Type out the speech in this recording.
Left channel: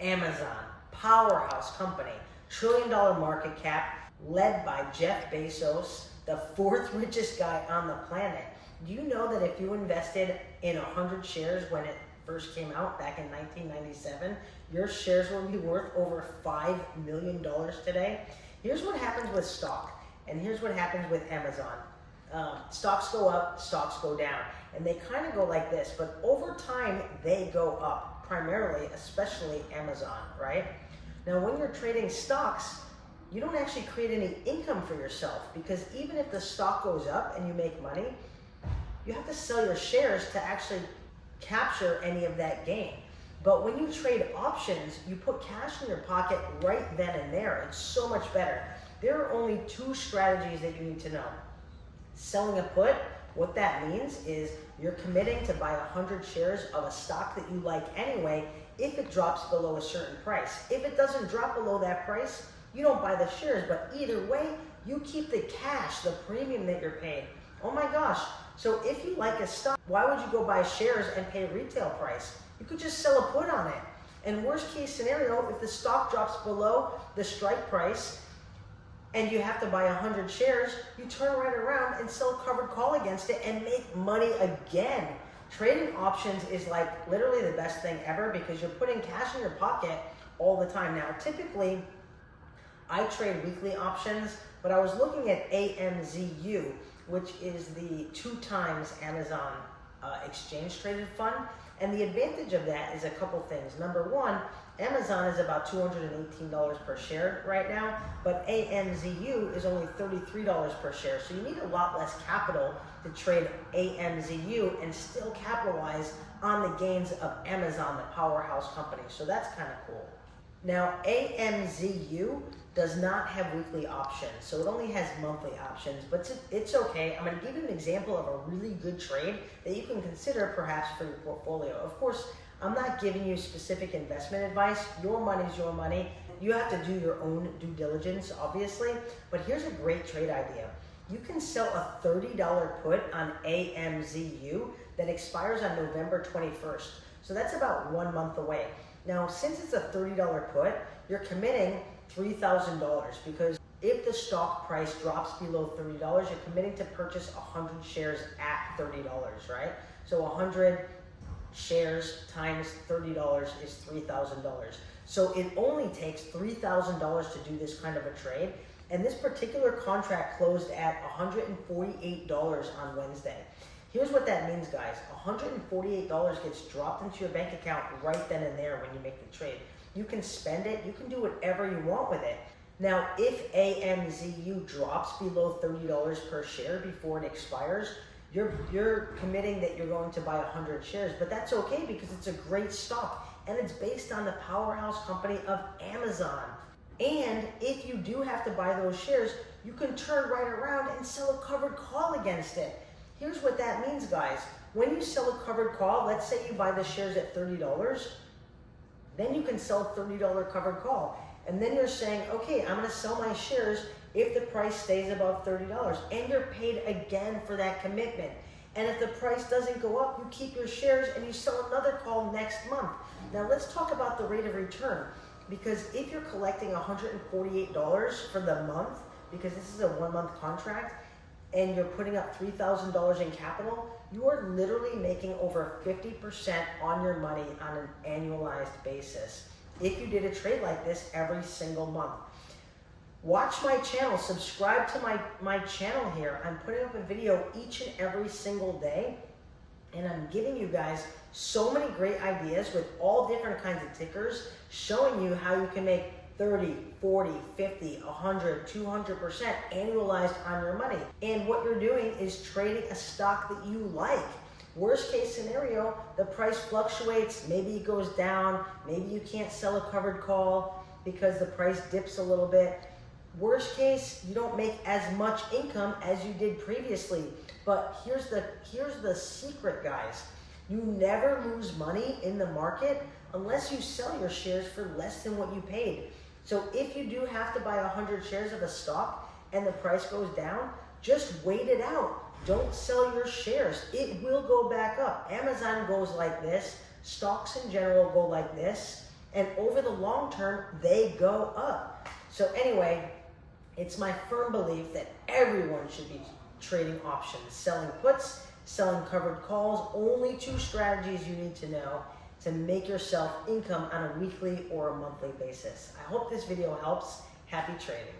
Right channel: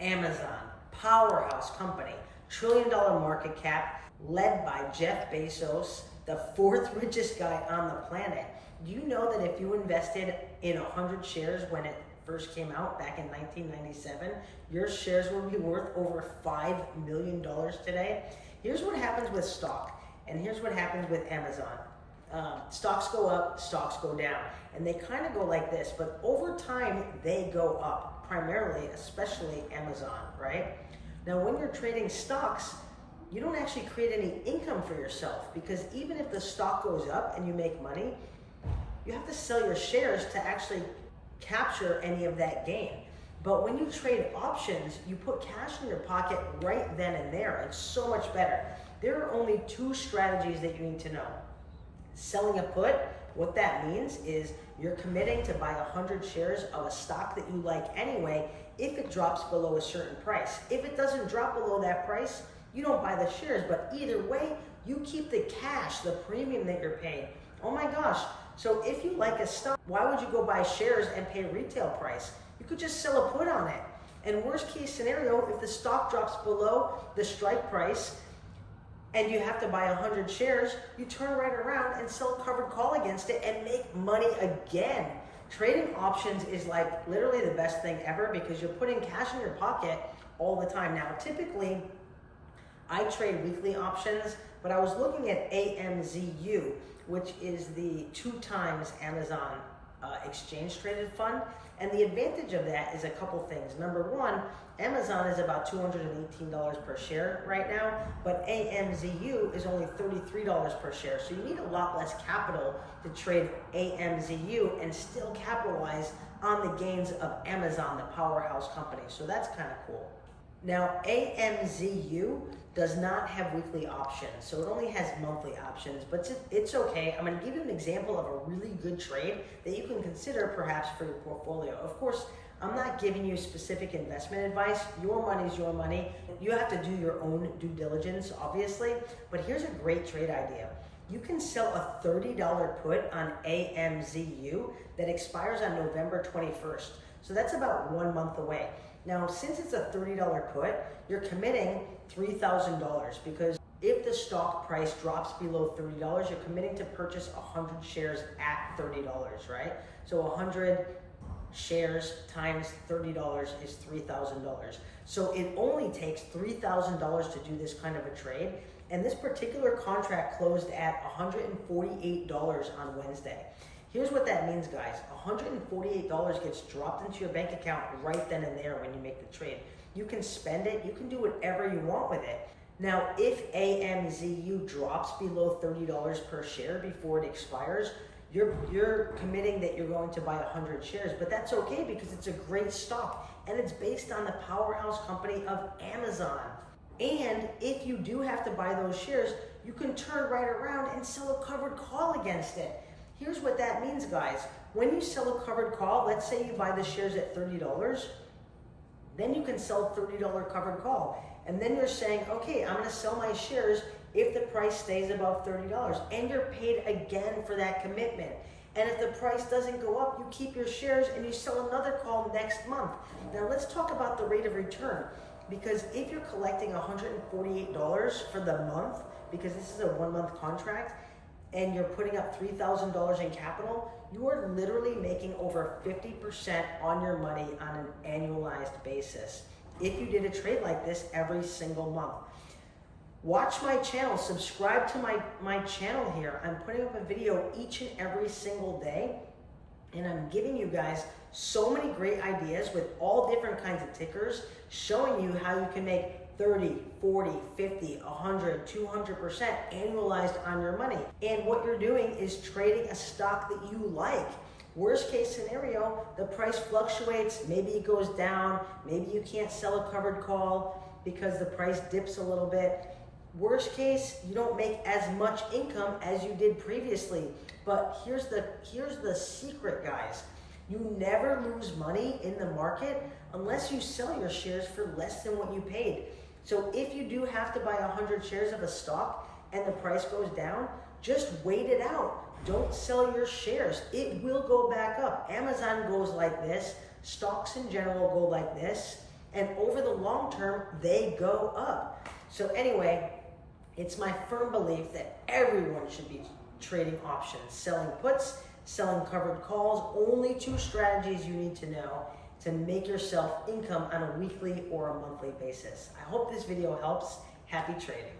Amazon, powerhouse company, $1 trillion market cap, led by Jeff Bezos, the fourth richest guy on the planet. Do you know that if you invested in 100 shares when it first came out back in 1997, your shares will be worth over $5 million today? Here's what happens with stock, and here's what happens with Amazon. Stocks go up, stocks go down, and they kind of go like this, but over time they go up, primarily, especially Amazon, right? Now when you're trading stocks, you don't actually create any income for yourself, because even if the stock goes up and you make money, you have to sell your shares to actually capture any of that gain. But when you trade options, you put cash in your pocket right then and there. It's so much better. There are only two strategies that you need to know. Selling a put, what that means is you're committing to buy 100 shares of a stock that you like anyway if it drops below a certain price. If it doesn't drop below that price, you don't buy the shares, but either way, you keep the cash, the premium that you're paying. Oh my gosh. So if you like a stock, why would you go buy shares and pay retail price? You could just sell a put on it. And worst case scenario, if the stock drops below the strike price and you have to buy 100 shares, you turn right around and sell a covered call against it and make money again. Trading options is like literally the best thing ever because you're putting cash in your pocket all the time. Now, typically, I trade weekly options, but I was looking at AMZU, which is the 2 times Amazon exchange traded fund. And the advantage of that is a couple things. Number one, Amazon is about $218 per share right now, but AMZU is only $33 per share. So you need a lot less capital to trade AMZU and still capitalize on the gains of Amazon, the powerhouse company. So that's kind of cool. Now, AMZU does not have weekly options, so it only has monthly options, but it's okay. I'm going to give you an example of a really good trade that you can consider perhaps for your portfolio. Of course, I'm not giving you specific investment advice. Your money's your money. You have to do your own due diligence, obviously, but here's a great trade idea. You can sell a $30 put on AMZU that expires on November 21st. So that's about 1 month away. Now, since it's a $30 put, you're committing $3,000 because if the stock price drops below $30, you're committing to purchase 100 shares at $30, right? So 100 shares times $30 is $3,000. So it only takes $3,000 to do this kind of a trade. And this particular contract closed at $148 on Wednesday. Here's what that means, guys. $148 gets dropped into your bank account right then and there when you make the trade. You can spend it, you can do whatever you want with it. Now, if AMZU drops below $30 per share before it expires, you're committing that you're going to buy 100 shares, but that's okay because it's a great stock and it's based on the powerhouse company of Amazon. And if you do have to buy those shares, you can turn right around and sell a covered call against it. Here's what that means, guys. When you sell a covered call, let's say you buy the shares at $30, then you can sell a $30 covered call. And then you're saying, okay, I'm gonna sell my shares if the price stays above $30. And you're paid again for that commitment. And if the price doesn't go up, you keep your shares and you sell another call next month. Now let's talk about the rate of return. Because if you're collecting $148 for the month, because this is a 1 month contract, and you're putting up $3,000 in capital, you are literally making over 50% on your money on an annualized basis if you did a trade like this every single month. Watch my channel, subscribe to my channel here. I'm putting up a video each and every single day, and I'm giving you guys so many great ideas with all different kinds of tickers, showing you how you can make 30, 40, 50, 100, 200% annualized on your money. And what you're doing is trading a stock that you like. Worst case scenario, the price fluctuates, maybe it goes down, maybe you can't sell a covered call because the price dips a little bit. Worst case, you don't make as much income as you did previously. But here's the secret, guys. You never lose money in the market unless you sell your shares for less than what you paid. So if you do have to buy 100 shares of a stock and the price goes down, just wait it out. Don't sell your shares. It will go back up. Amazon goes like this. Stocks in general go like this. and over the long term, they go up. So anyway, it's my firm belief that everyone should be trading options, selling puts, selling covered calls. Only 2 strategies you need to know to make yourself income on a weekly or a monthly basis. I hope this video helps. Happy trading.